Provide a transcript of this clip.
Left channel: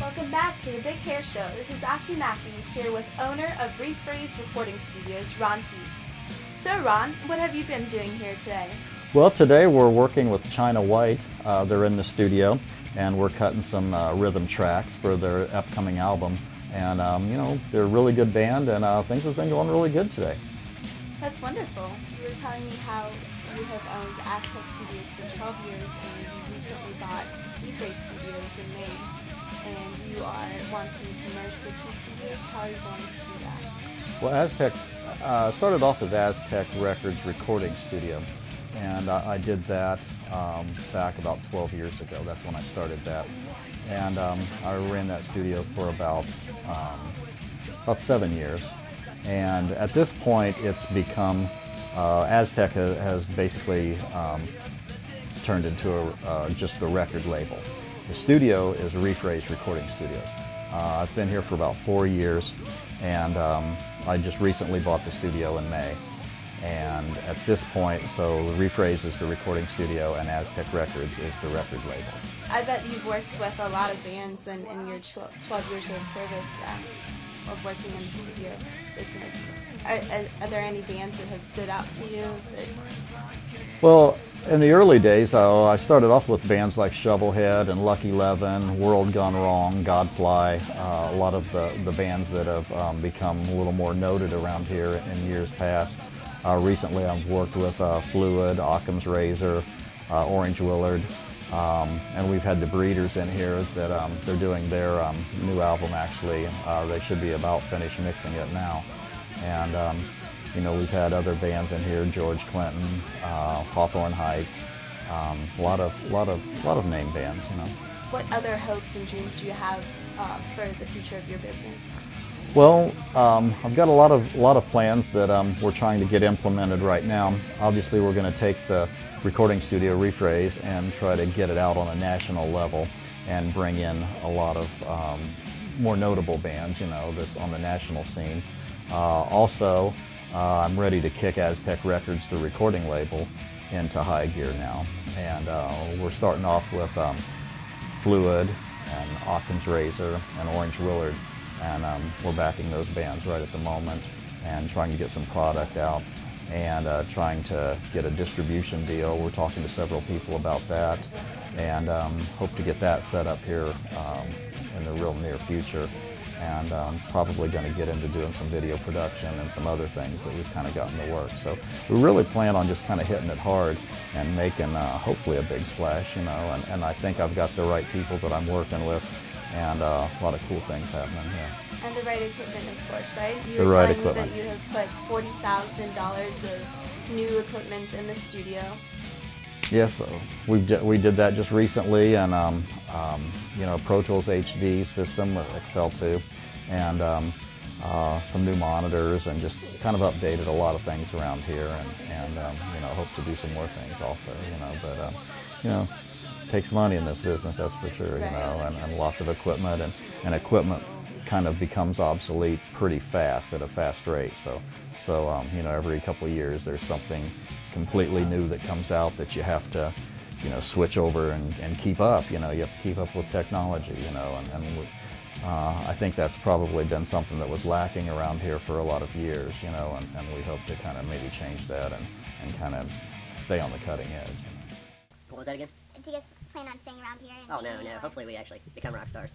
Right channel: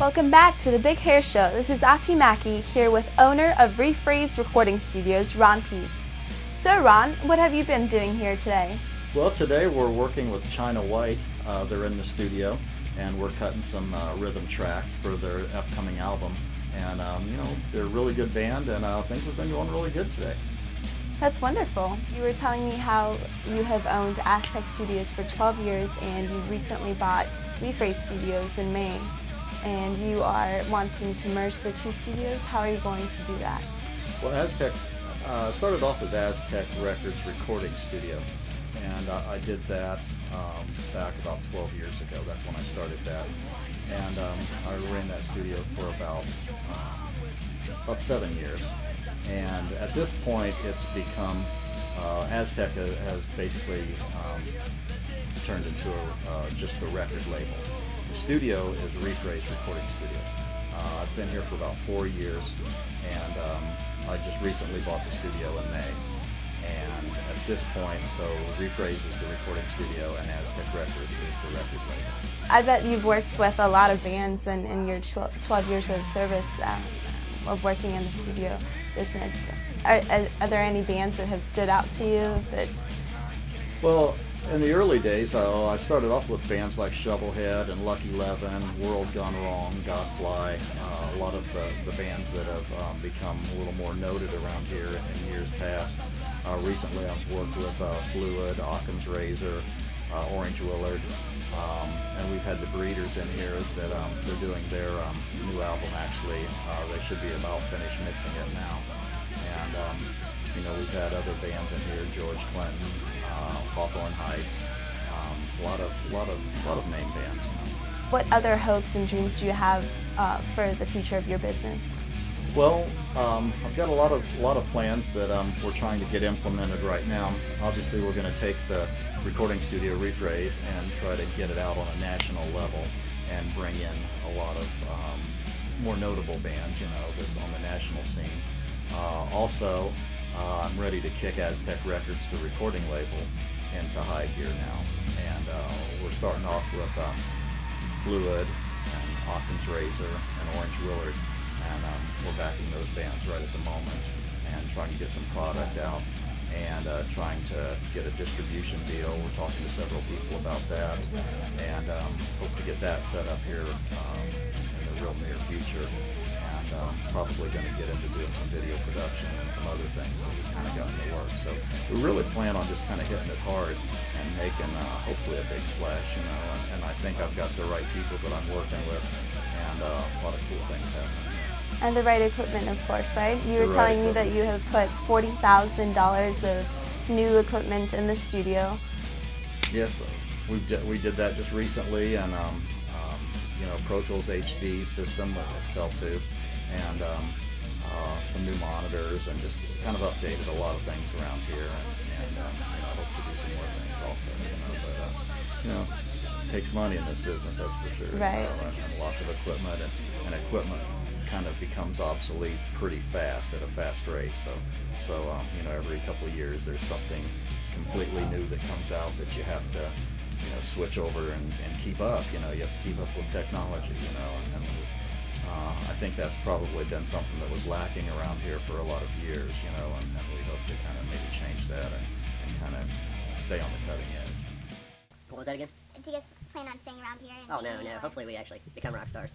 Welcome back to the Big Hair Show. This is Ati Mackey here with owner of Refraze Recording Studios, Ron Pease. So Ron, what have you been doing here today? Well, today we're working with China White. They're in the studio and we're cutting some rhythm tracks for their upcoming album. And you know, they're a really good band and things have been going really good today. That's wonderful. You were telling me how you have owned Aztec Studios for 12 years and you recently bought Refraze Studios in May. And you are wanting to merge the two studios. How are you going to do that? Well, Aztec started off with Aztec Records Recording Studio. And I did that back about 12 years ago. That's when I started that. And I ran that studio for about 7 years. And at this point, it's become, Aztec has basically turned into just a record label. The studio is Refraze Recording Studio. I've been here for about 4 years, and I just recently bought the studio in May. And at this point, so Refraze is the recording studio and Aztec Records is the record label. I bet you've worked with a lot of bands in your 12 years of service of working in the studio business. Are there any bands that have stood out to you? Well, in the early days, I started off with bands like Shovelhead and Lucky 11, World Gone Wrong, Godfly, a lot of the bands that have become a little more noted around here in years past. Recently I've worked with Fluid, Occam's Razor, Orange Willard, and we've had the Breeders in here that they're doing their new album actually. They should be about finished mixing it now. And you know, we've had other bands in here, George Clinton, Hawthorne Heights, a lot of name bands. You know. What other hopes and dreams do you have for the future of your business? Well, I've got a lot of plans that we're trying to get implemented right now. Obviously, we're going to take the recording studio Refraze and try to get it out on a national level and bring in a lot of more notable bands, you know, that's on the national scene. Also, I'm ready to kick Aztec Records, the recording label, into high gear now. And we're starting off with Fluid and Occam's Razor and Orange Willard. And we're backing those bands right at the moment and trying to get some product out and trying to get a distribution deal. We're talking to several people about that and hope to get that set up here in the real near future. And probably going to get into doing some video production and some other things that we've kind of got in the works. So we really plan on just kind of hitting it hard and making hopefully a big splash, you know, and I think I've got the right people that I'm working with and a lot of cool things happening here. And the right equipment, of course, right? You were telling me that you have put $40,000 of new equipment in the studio. Yes, we did that just recently, and you know, Pro Tools HD system with Excel 2, and some new monitors, and just kind of updated a lot of things around here, and you know, hope to do some more things also, you know, but you know, it takes money in this business, that's for sure, right. You know, and lots of equipment, and equipment kind of becomes obsolete pretty fast at a fast rate, so you know, every couple of years there's something completely new that comes out that you have to, you know, switch over and keep up. You know, you have to keep up with technology, you know, and I think that's probably been something that was lacking around here for a lot of years, you know, and we hope to kind of maybe change that and kind of stay on the cutting edge. What was that again? Do you guys plan on staying around here? Oh, no. Hopefully we actually become rock stars.